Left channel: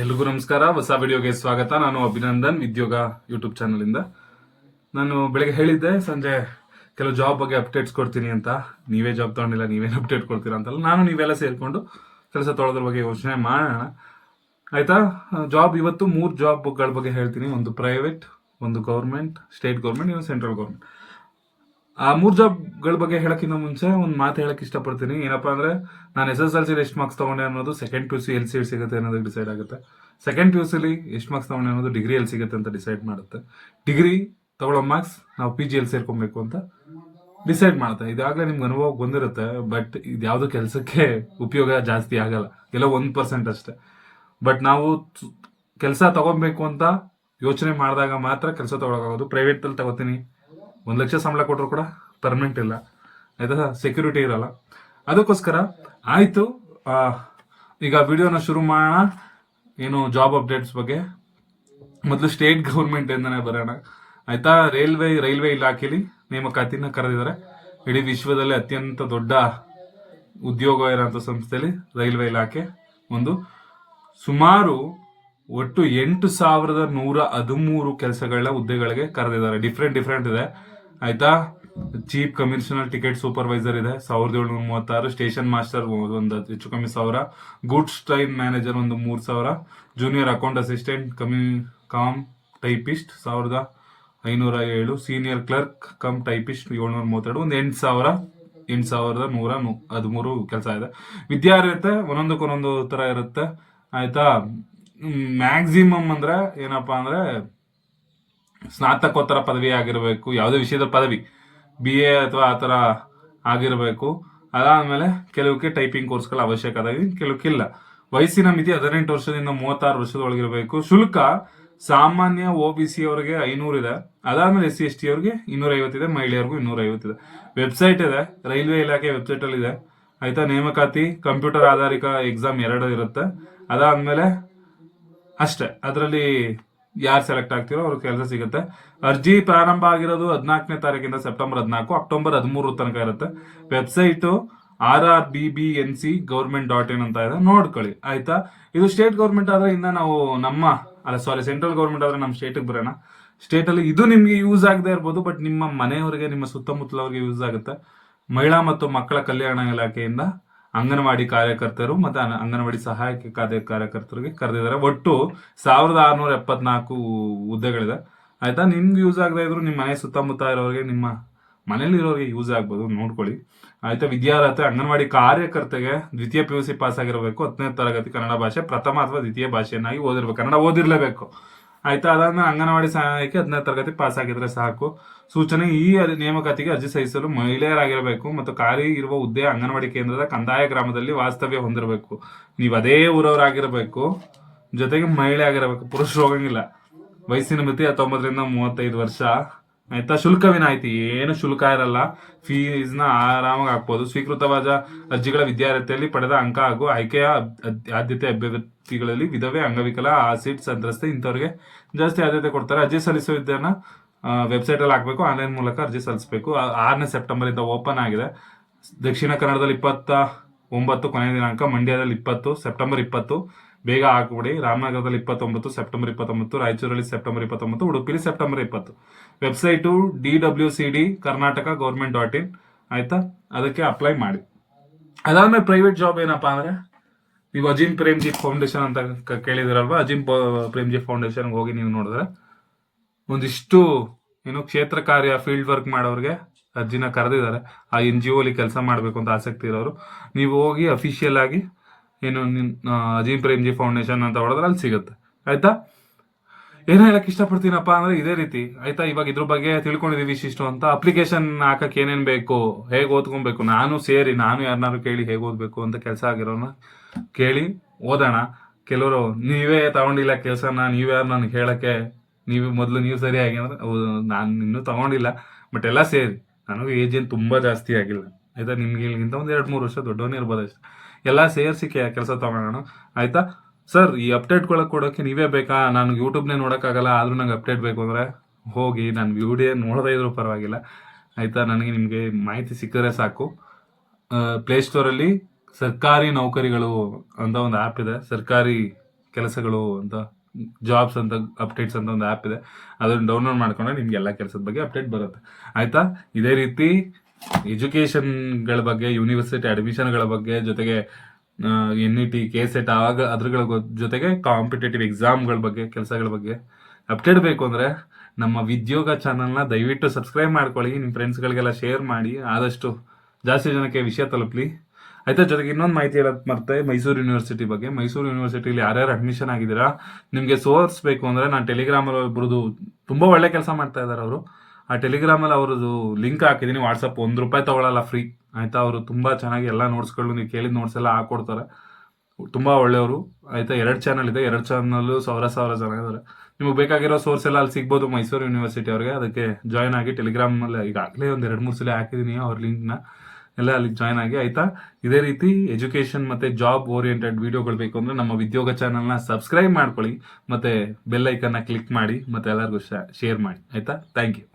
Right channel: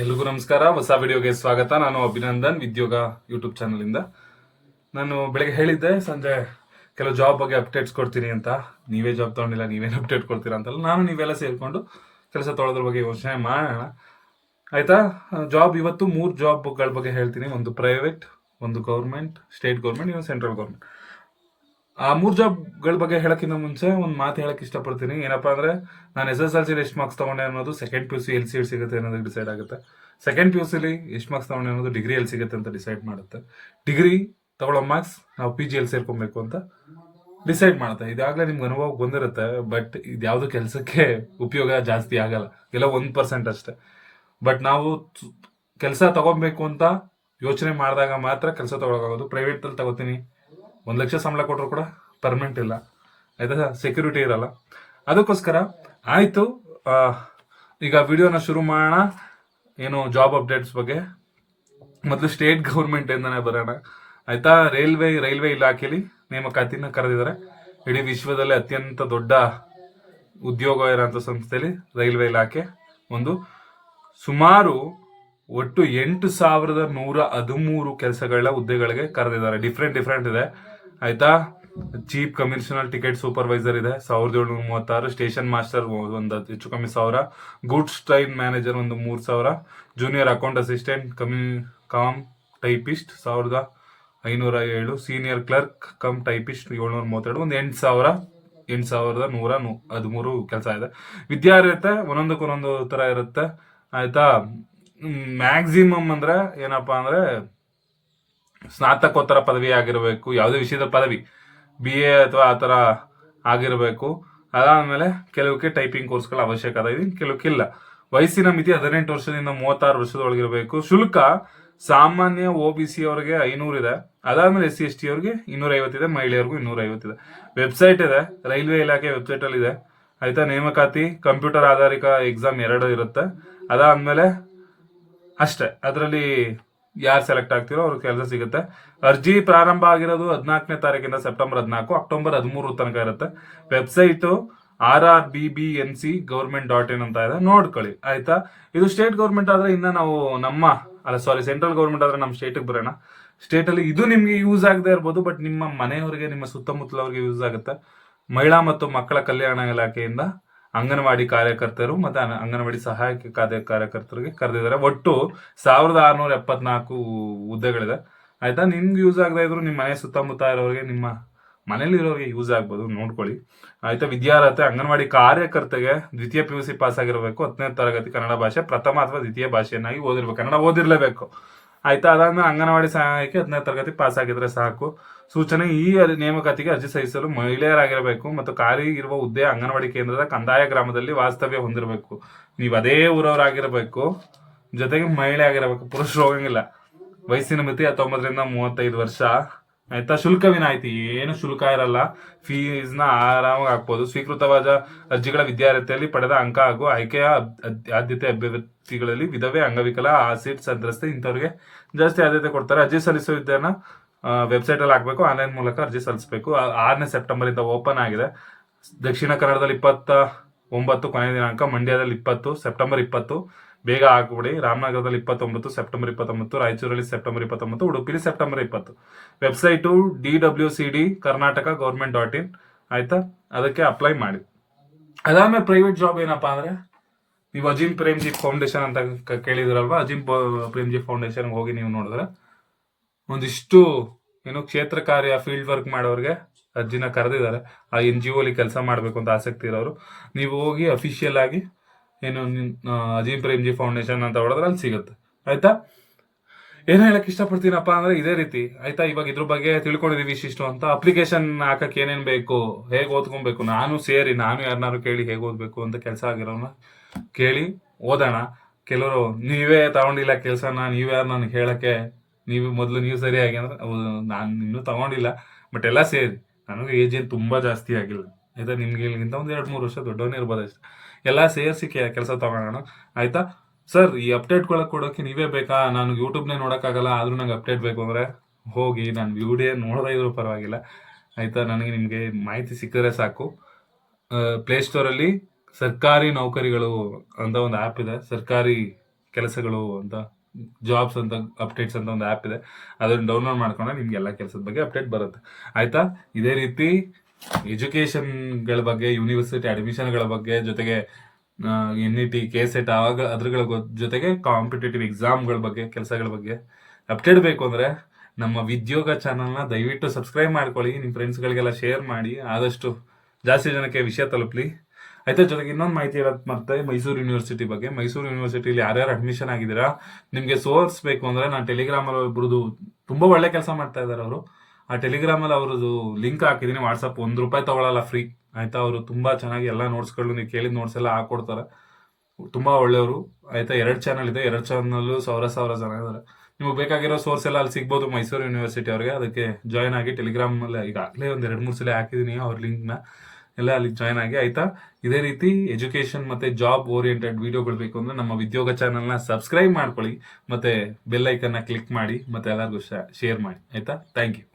ಎಲ್ರಿಗೂ ನಮಸ್ಕಾರ. ಹೊಸ ವಿಡಿಯೋಗೆ ಸ್ವಾಗತ. ನಾನು ಅಭಿನಂದನ್, ಉದ್ಯೋಗ ಯೂಟ್ಯೂಬ್ ಚಾನಲಿಂದ. ನಾನು ಬೆಳಗ್ಗೆ ಹೇಳಿದ್ದೆ ಸಂಜೆ ಕೆಲವು ಜಾಬ್ ಬಗ್ಗೆ ಅಪ್ಡೇಟ್ಸ್ ಕೊಡ್ತೀನಿ ಅಂತ. ನೀವೇ ಜಾಬ್ ತೊಗೊಂಡಿಲ್ಲ, ನೀವೇನು ಅಪ್ಡೇಟ್ ಕೊಡ್ತೀರಾ ಅಂತಲ್ಲ, ನಾನು ನೀವೆಲ್ಲ ಸೇರಿಕೊಂಡು ಕೆಲಸ ತೊಗೊಳೋದ್ರ ಬಗ್ಗೆ ಯೋಚನೆ ಮಾಡೋಣ, ಆಯ್ತಾ? ಜಾಬ್ ಇವತ್ತು 3 ಜಾಬ್ಗಳ ಬಗ್ಗೆ ಹೇಳ್ತೀನಿ. ಒಂದು ಪ್ರೈವೇಟ್, ಒಂದು ಗೌರ್ಮೆಂಟ್, ಸ್ಟೇಟ್ ಗೌರ್ಮೆಂಟ್, ಇನ್ನೊಂದು ಸೆಂಟ್ರಲ್ ಗೌರ್ಮೆಂಟ್. ಆ 3 ಜಾಬ್ಗಳ ಬಗ್ಗೆ ಹೇಳೋಕ್ಕಿಂತ ಮುಂಚೆ ಒಂದು ಮಾತು ಹೇಳಕ್ಕೆ ಇಷ್ಟಪಡ್ತೀನಿ. ಏನಪ್ಪಾ ಅಂದ್ರೆ, ನಾನು SSLC ಎಷ್ಟು ಮಾರ್ಕ್ಸ್ ತಗೊಂಡೆ ಅನ್ನೋದು ಸೆಕೆಂಡ್ PUC ಎಲ್ಲಿ ಸೀಟ್ ಸಿಗುತ್ತೆ ಅನ್ನೋದಕ್ಕೆ ಡಿಸೈಡ್ ಆಗುತ್ತೆ. ಸೆಕೆಂಡ್ PUCಲಿ ಎಷ್ಟು ಮಾರ್ಕ್ಸ್ ತಗೊಂಡೆ ಅನ್ನೋದು ಡಿಗ್ರಿ ಎಲ್ಲಿ ಸಿಗುತ್ತೆ ಅಂತ ಡಿಸೈಡ್ ಮಾಡುತ್ತೆ. ಡಿಗ್ರಿ ತಗೊಳ್ಳೋ ಮಾರ್ಕ್ಸ್ ನಾವು PG ಎಲ್ಲಿ ಸೇರ್ಕೊಬೇಕು ಅಂತ ಡಿಸೈಡ್ ಮಾಡುತ್ತೆ. ಇದಾಗಲೇ ನಿಮ್ಗೆ ಅನುಭವ ಬಂದಿರುತ್ತೆ, ಬಟ್ ಇದು ಯಾವುದೋ ಕೆಲಸಕ್ಕೆ ಉಪಯೋಗ ಜಾಸ್ತಿ ಆಗಲ್ಲ, ಎಲ್ಲ 1% ಅಷ್ಟೇ. ಬಟ್ ನಾವು ಕೆಲಸ ತಗೊಬೇಕು ಅಂತ ಯೋಚನೆ ಮಾಡಿದಾಗ ಮಾತ್ರ ಕೆಲಸ ತಗೊಳಕಾಗೋದು. ಪ್ರೈವೇಟಲ್ಲಿ ತಗೋತೀನಿ, 1 ಲಕ್ಷ ಸಂಬಳ ಕೊಟ್ಟರು ಕೂಡ ಪರ್ಮನೆಂಟ್ ಇಲ್ಲ, ಆಯ್ತಾ? ಸೆಕ್ಯೂರಿಟಿ ಇರಲ್ಲ. ಅದಕ್ಕೋಸ್ಕರ ಆಯಿತು, ಈಗ ವಿಡಿಯೋನ ಶುರು ಮಾಡೋಣ. ಏನು ಜಾಬ್ ಅಪ್ಡೇಟ್ಸ್ ಬಗ್ಗೆ ಮೊದಲು ಸ್ಟೇಟ್ ಗೌರ್ಮೆಂಟಿಂದನೇ ಬರೋಣ, ಆಯ್ತಾ? ರೈಲ್ವೆ ಇಲಾಖೆಯಲ್ಲಿ ನೇಮಕಾತಿನ ಕರೆದಿದ್ದಾರೆ. ಇಡೀ ವಿಶ್ವದಲ್ಲೇ ಅತ್ಯಂತ ದೊಡ್ಡ ಉದ್ಯೋಗ ಇರೋಂಥ ಸಂಸ್ಥೆಯಲ್ಲಿ ರೈಲ್ವೆ ಇಲಾಖೆ ಒಂದು. ಸುಮಾರು ಒಟ್ಟು 8,113 ಕೆಲಸಗಳ ಹುದ್ದೆಗಳಿಗೆ ಕರೆದಿದ್ದಾರೆ. ಡಿಫ್ರೆಂಟ್ ಇದೆ, ಆಯ್ತಾ? ಚೀಫ್ ಕಮಿಷನರ್ ಟಿಕೆಟ್ ಸೂಪರ್ವೈಸರ್ ಇದೆ 1,736, ಸ್ಟೇಷನ್ ಮಾಸ್ಟರ್ ಒಂದು ಹೆಚ್ಚು ಕಮ್ಮಿ 1,000, ಗೂಡ್ಸ್ ಟ್ರೈನ್ ಮ್ಯಾನೇಜರ್ ಒಂದು 3,000, junior account assistant com typist 1,507, senior clerk come typist 732, ಒಂದು 8,113 ಕೆಲಸ ಇದೆ. ವಿದ್ಯಾರ್ಹತೆ ಒಂದೊಂದು ತರ ಇರುತ್ತೆ, ಆಯ್ತಾ? ಮ್ಯಾಕ್ಸಿಮಮ್ ಅಂದ್ರೆ ಏನಪ್ಪಾ ಅಂದ್ರೆ ಸ್ನಾತಕೋತ್ತರ ಪದವಿ ಆಗಿರಬೇಕು, ಯಾವುದೇ ವಿಷಯದ ಪದವಿ, BA ಅಥವಾ ಆ ಥರ ಆಗಿರಬೇಕು. ಅದಾದ್ಮೇಲೆ ಕೆಲವಕ್ಕೆ ಟೈಪಿಂಗ್ ಕೋರ್ಸ್ಗಳ ಅವಶ್ಯಕತೆ ಇದೆ, ಕೆಲವಕ್ಕಿಲ್ಲ. ವಯಸ್ಸಿನ ಮಿತಿ 18 ವರ್ಷದಿಂದ 36 ವರ್ಷದೊಳಗಿರಬೇಕು. ಶುಲ್ಕ ಸಾಮಾನ್ಯ OBC ಅವರಿಗೆ 500 ಇದೆ, ಅದಾದ್ಮೇಲೆ SC ST ಅವ್ರಿಗೆ 250 ಇದೆ, ಮಹಿಳೆಯರಿಗೂ 250 ಇದೆ. ವೆಬ್ಸೈಟ್ ಇದೆ, ರೈಲ್ವೆ ಇಲಾಖೆ ವೆಬ್ಸೈಟ್ ಅಲ್ಲಿ ಇದೆ, ಆಯ್ತಾ? ನೇಮಕಾತಿ ಕಂಪ್ಯೂಟರ್ ಆಧಾರಿತ ಎಕ್ಸಾಮ್ 2 ಇರುತ್ತೆ. ಅದಾದ್ಮೇಲೆ ಅಷ್ಟೇ, ಅದರಲ್ಲಿ ಯಾರು ಸೆಲೆಕ್ಟ್ ಆಗ್ತಿರೋ ಅವ್ರಿಗೆ ಕೆಲಸ ಸಿಗುತ್ತೆ. ಅರ್ಜಿ ಪ್ರಾರಂಭ ಆಗಿರೋದು 14ನೇ ತಾರೀಕಿಂದ ಸೆಪ್ಟೆಂಬರ್ 14, ಅಕ್ಟೋಬರ್ 13 ತನಕ ಇರುತ್ತೆ. ವೆಬ್ಸೈಟು rrbbnc.government.in ಅಂತ ಇದೆ, ನೋಡ್ಕೊಳ್ಳಿ, ಆಯ್ತಾ? ಇದು ಸ್ಟೇಟ್ ಗೌರ್ಮೆಂಟ್ ಆದ್ರೆ ಇನ್ನ ನಾವು ಸೆಂಟ್ರಲ್ ಗೌರ್ಮೆಂಟ್ ಆದ್ರೆ ನಮ್ಮ ಸ್ಟೇಟಿಗೆ ಬರೋಣ. ಸ್ಟೇಟ್ ಅಲ್ಲಿ ಇದು ನಿಮ್ಗೆ ಯೂಸ್ ಆಗದೆ ಇರ್ಬೋದು, ಬಟ್ ನಿಮ್ಮ ಮನೆಯವರಿಗೆ, ನಿಮ್ಮ ಸುತ್ತಮುತ್ತಲವರಿಗೆ ಯೂಸ್ ಆಗುತ್ತೆ. ಮಹಿಳಾ ಮತ್ತು ಮಕ್ಕಳ ಕಲ್ಯಾಣ ಇಲಾಖೆಯಿಂದ ಅಂಗನವಾಡಿ ಕಾರ್ಯಕರ್ತರು ಮತ್ತೆ ಅಂಗನವಾಡಿ ಸಹಾಯಕ ಕಾರ್ಯಕರ್ತರಿಗೆ ಕರೆದಿದ್ದಾರೆ. ಒಟ್ಟು 1,674 ಹುದ್ದೆಗಳಿದೆ, ಆಯ್ತಾ? ನಿಮ್ಗೆ ಯೂಸ್ ಆಗದೆ ಇದ್ರು ನಿಮ್ಮ ಮನೆ ಸುತ್ತಮುತ್ತ ಇರೋರಿಗೆ, ನಿಮ್ಮ ಮನೇಲಿ ಇರೋರಿಗೆ ಯೂಸ್ ಆಗ್ಬೋದು, ನೋಡ್ಕೊಳ್ಳಿ, ಆಯ್ತಾ? ವಿದ್ಯಾರ್ಹತೆ ಅಂಗನವಾಡಿ ಕಾರ್ಯಕರ್ತೆಗೆ ದ್ವಿತೀಯ PUC ಪಾಸ್ ಆಗಿರಬೇಕು, 10ನೇ ತರಗತಿ ಕನ್ನಡ ಭಾಷೆ ಪ್ರಥಮ ಅಥವಾ ದ್ವಿತೀಯ ಭಾಷೆಯನ್ನಾಗಿ ಓದಿರ್ಬೇಕು, ಕನ್ನಡ ಓದಿರ್ಲೇಬೇಕು, ಆಯ್ತಾ? ಅದಾದ್ಮೇಲೆ ಅಂಗನವಾಡಿ ಸಹಾಯಕ್ಕೆ 10ನೇ ತರಗತಿ ಪಾಸ್ ಆಗಿದ್ರೆ ಸಾಕು. ಸೂಚನೆ: ಈ ನೇಮಕಾತಿಗೆ ಅರ್ಜಿ ಸಲ್ಲಿಸಲು ಮಹಿಳೆಯರಾಗಿರಬೇಕು ಮತ್ತು ಖಾಲಿ ಇರುವ ಹುದ್ದೆ ಅಂಗನವಾಡಿ ಕೇಂದ್ರದ ಕಂದಾಯ ಗ್ರಾಮದಲ್ಲಿ ವಾಸ್ತವ್ಯ ಹೊಂದಿರಬೇಕು. ನೀವು ಅದೇ ಊರವರಾಗಿರಬೇಕು, ಜೊತೆಗೆ ಮಹಿಳೆ ಆಗಿರಬೇಕು, ಪುರುಷರು ಹೋಗಂಗಿಲ್ಲ. ವಯಸ್ಸಿನ ಮಿತಿ 19 ರಿಂದ 35 ವರ್ಷ, ಆಯ್ತಾ? ಶುಲ್ಕ ವಿನಾಯಿತಿ, ಏನು ಶುಲ್ಕ ಇರಲ್ಲ, ಫೀಸ್ನ ಆರಾಮಾಗಿ ಹಾಕ್ಬೋದು. ಸ್ವೀಕೃತವಾದ ಅರ್ಜಿಗಳ ವಿದ್ಯಾರ್ಥಿಯಲ್ಲಿ ಪಡೆದ ಅಂಕ ಹಾಗೂ ಆಯ್ಕೆಯ ಆದ್ಯತೆ ಅಭ್ಯರ್ಥಿಗಳಲ್ಲಿ ವಿಧವೆ, ಅಂಗವಿಕಲ, ಆಸಿಡ್ ಸಂತ್ರಸ್ತೆ ಇಂಥವ್ರಿಗೆ ಜಾಸ್ತಿ ಆದ್ಯತೆ ಕೊಡ್ತಾರೆ. ಅರ್ಜಿ ಸಲ್ಲಿಸುವ ವಿದ್ಯಾನ ವೆಬ್ಸೈಟ್ ಅಲ್ಲಿ ಹಾಕ್ಬೇಕು, ಆನ್ಲೈನ್ ಮೂಲಕ ಅರ್ಜಿ ಸಲ್ಲಿಸಬೇಕು. 6ನೇ ಸೆಪ್ಟೆಂಬರ್ ಇಂದ ಓಪನ್ ಆಗಿದೆ. ದಕ್ಷಿಣ ಕನ್ನಡದಲ್ಲಿ 29 ಕೊನೆಯ ದಿನಾಂಕ, ಮಂಡ್ಯದಲ್ಲಿ 20 ಸೆಪ್ಟೆಂಬರ್ 20, ಬೇಗ ಹಾಕ್ಬಿಡಿ. ರಾಮನಗರದಲ್ಲಿ 29 ಸೆಪ್ಟೆಂಬರ್ 29, ರಾಯಚೂರಲ್ಲಿ ಸೆಪ್ಟೆಂಬರ್ 29, ಉಡುಪಿಲಿ September 20. Website DWCD Karnataka government.in, ಆಯ್ತಾ? ಅದಕ್ಕೆ ಅಪ್ಲೈ ಮಾಡಿ. ಅದಾದ್ಮೇಲೆ ಪ್ರೈವೇಟ್ ಜಾಬ್ ಏನಪ್ಪಾ ಅಂದ್ರೆ, ನೀವು ಅಜಿಮ್ ಪ್ರೇಮ್ಜಿ ಫೌಂಡೇಶನ್ ಅಂತ ಕೇಳಿದಿರಲ್ವಾ? ಅಜಿಮ್ ಪ್ರೇಮ್ಜಿ ಫೌಂಡೇಶನ್ಗೆ ಹೋಗಿ ನೀವು ನೋಡಿದ್ರೆ ಒಂದಿಷ್ಟು ಕ್ಷೇತ್ರ ಕಾರ್ಯ, ಫೀಲ್ಡ್ ವರ್ಕ್ ಮಾಡೋರಿಗೆ ಅರ್ಜಿನ ಕರೆದಿದ್ದಾರೆ. ಆ NGO ಅಲ್ಲಿ ಕೆಲಸ ಮಾಡಬೇಕು ಅಂತ ಆಸಕ್ತಿ ಇರೋರು ನೀವು ಹೋಗಿ ಅಫಿಷಿಯಲ್ ಆಗಿ ಅಜಿಮ್ ಪ್ರೇಮ್ಜಿ ಫೌಂಡೇಶನ್ ಅಂತ ಹೊಡೆದ್ರೆ ಅಲ್ಲಿ ಸಿಗುತ್ತೆ, ಆಯ್ತಾ? ಏನ್ ಹೇಳಕ್ ಇಷ್ಟಪಡ್ತೀನಪ್ಪ ಅಂದ್ರೆ ಇದೇ ರೀತಿ, ಆಯ್ತಾ? ಇವಾಗ ಇದ್ರ ಬಗ್ಗೆ ತಿಳ್ಕೊಂಡಿದೀವಿ ಇಷ್ಟು ಅಂತ. ಅಪ್ಲಿಕೇಶನ್ ಹಾಕಕ್ ಏನೇನ್ ಬೇಕು, ಹೇಗೆ ಓದ್ಕೊಬೇಕು, ನಾನು ಯಾರನ್ನಾರು ಕೇಳಿ ಹೇಗೆ ಓದ್ಬೇಕು ಅಂತ ಕೆಲಸ ಆಗಿರೋನ ಕೇಳಿ ಓದೋಣ. ಕೆಲವರು ನೀವೇ ತಗೊಂಡಿಲ್ಲ ಕೆಲಸನ, ನೀವ್ಯಾರು ನನಗೆ ಹೇಳಕ್ಕೆ, ನೀವು ಸರಿಯಾಗಿ ಅಂದ್ರೆ ನಾನು ಇನ್ನೂ ತಗೊಂಡಿಲ್ಲ, ಬಟ್ ಎಲ್ಲ ಸೇರಿ ನನಗೂ ಏಜ್ ಏನು ತುಂಬಾ ಜಾಸ್ತಿ ಆಗಿಲ್ಲ, ಆಯ್ತಾ? ನಿಮ್ಗೆ ಇಲ್ಲಿಗಿಂತ ಒಂದು 2-3 ವರ್ಷ ದೊಡ್ಡವನೇ ಇರ್ಬೋದು ಅಷ್ಟೇ. ಎಲ್ಲ ಸೇರಿಸಿ ಕೆಲಸ ತಗೊಳ್ಳೋಣ, ಆಯ್ತಾ? ಸರ್, ಈ ಅಪ್ಡೇಟ್ ಕೊಡೋಕೆ ನೀವೇ ಬೇಕಾ? ನಾನು ಯೂಟ್ಯೂಬ್ನೇ ನೋಡೋಕ್ಕಾಗಲ್ಲ, ಆದ್ರೂ ನಂಗೆ ಅಪ್ಡೇಟ್ ಬೇಕು ಅಂದ್ರೆ ಹೋಗಿ ನಾನು ವಿಡಿಯೋ ನೋಡದೇ ಇದ್ರೂ ಪರವಾಗಿಲ್ಲ, ಆಯ್ತಾ? ನಿಮಗೆ ಮಾಹಿತಿ ಸಿಕ್ಕಿದ್ರೆ ಸಾಕು. ಪ್ಲೇಸ್ಟೋರಲ್ಲಿ ಸರ್ಕಾರಿ ನೌಕರಿಗಳು ಅಂತ ಒಂದು ಆ್ಯಪ್ ಇದೆ, ಸರ್ಕಾರಿ ಕೆಲಸಗಳು ಅಂತ ಜಾಬ್ಸ್ ಅಂತ ಅಪ್ಡೇಟ್ಸ್ ಅಂತ ಒಂದು ಆ್ಯಪ್ ಇದೆ, ಅದನ್ನು ಡೌನ್ಲೋಡ್ ಮಾಡ್ಕೊಂಡ್ರೆ ನಿಮ್ಗೆ ಎಲ್ಲ ಕೆಲಸದ ಬಗ್ಗೆ ಅಪ್ಡೇಟ್ ಬರುತ್ತೆ ಆಯ್ತಾ. ಇದೇ ರೀತಿ ಎಜುಕೇಷನ್ಗಳ ಬಗ್ಗೆ, ಯೂನಿವರ್ಸಿಟಿ ಅಡ್ಮಿಷನ್ಗಳ ಬಗ್ಗೆ, ಜೊತೆಗೆ NET, KSET ಆವಾಗ ಅದ್ರಗಳ ಜೊತೆಗೆ ಕಾಂಪಿಟೇಟಿವ್ ಎಕ್ಸಾಮ್ಗಳ ಬಗ್ಗೆ, ಕೆಲಸಗಳ ಬಗ್ಗೆ ಅಪ್ಡೇಟ್ ಬೇಕು ಅಂದರೆ ನಮ್ಮ ವಿದ್ಯೋಗ ಚಾನಲ್ನ ದಯವಿಟ್ಟು ಸಬ್ಸ್ಕ್ರೈಬ್ ಮಾಡ್ಕೊಳ್ಳಿ, ನಿಮ್ಮ ಫ್ರೆಂಡ್ಸ್ಗಳಿಗೆಲ್ಲ ಶೇರ್ ಮಾಡಿ, ಆದಷ್ಟು ಜಾಸ್ತಿ ಜನಕ್ಕೆ ವಿಷಯ ತಲುಪಲಿ ಆಯ್ತಾ. ಜೊತೆಗೆ ಇನ್ನೊಂದು ಮಾಹಿತಿ ಹೇಳೋದು ಮತ್ತೆ ಮೈಸೂರು ಯೂನಿವರ್ಸಿಟಿ ಬಗ್ಗೆ. ಮೈಸೂರು ಯೂನಿವರ್ಸಿಟಿಲಿ ಯಾರ್ಯಾರು ಅಡ್ಮಿಷನ್ ಆಗಿದ್ದೀರಾ, ನಿಮಗೆ ಸೋರ್ಸ್ ಬೇಕು ಅಂದರೆ ನಾನು ಟೆಲಿಗ್ರಾಮಲ್ಲಿ ಒಬ್ರದ್ದು ತುಂಬ ಒಳ್ಳೆ ಕೆಲಸ ಮಾಡ್ತಾ ಇದ್ದಾರೆ ಅವರು, ಆ ಟೆಲಿಗ್ರಾಮಲ್ಲಿ ಅವ್ರದ್ದು ಲಿಂಕ್ ಹಾಕಿದ್ದೀನಿ, ವಾಟ್ಸಪ್ ₹1 ತಗೊಳ್ಳಲ್ಲ, ಫ್ರೀ ಆಯ್ತಾ. ಅವರು ತುಂಬ ಚೆನ್ನಾಗಿ ಎಲ್ಲ ನೋಟ್ಸ್ಗಳು ನೀವು ಕೇಳಿದ ನೋಟ್ಸ್ ಎಲ್ಲ ಹಾಕೊಡ್ತಾರೆ, ತುಂಬ ಒಳ್ಳೆಯವರು ಆಯ್ತಾ. 2 ಚಾನಲ್ ಇದೆ, 2 ಚಾನಲ್ಲು 1000 ಜನ ಇದ್ದಾರೆ. ನಿಮಗೆ ಬೇಕಾಗಿರೋ ಸೋರ್ಸ್ ಎಲ್ಲ ಅಲ್ಲಿ ಸಿಗ್ಬೋದು ಮೈಸೂರು ಯೂನಿವರ್ಸಿಟಿ ಅವ್ರಿಗೆ. ಅದಕ್ಕೆ ಜಾಯ್ನ್ ಆಗಿ ಟೆಲಿಗ್ರಾಮಲ್ಲಿ ಈಗಾಗಲೇ ಒಂದು 2-3 ಸಲ ಹಾಕಿದ್ದೀನಿ ಅವ್ರ ಲಿಂಕ್ನ, ಎಲ್ಲ ಅಲ್ಲಿ ಜಾಯ್ನ್ ಆಗಿ ಆಯ್ತಾ. ಇದೇ ರೀತಿ ಎಜುಕೇಷನ್ ಮತ್ತು ಜಾಬ್ ಓರಿಯೆಂಟೆಡ್ ವಿಡಿಯೋಗಳು ಬೇಕು ಅಂದರೆ ನಮ್ಮ ವಿದ್ಯೋಗ ಚಾನಲ್ನ ಸಬ್ಸ್ಕ್ರೈಬ್ ಮಾಡ್ಕೊಳ್ಳಿ, ಮತ್ತು ಬೆಲ್ ಐಕನ್ನ ಕ್ಲಿಕ್ ಮಾಡಿ, ಮತ್ತು ಎಲ್ಲರಿಗೂ ಶೇರ್ ಮಾಡಿ ಆಯ್ತಾ. Thank you.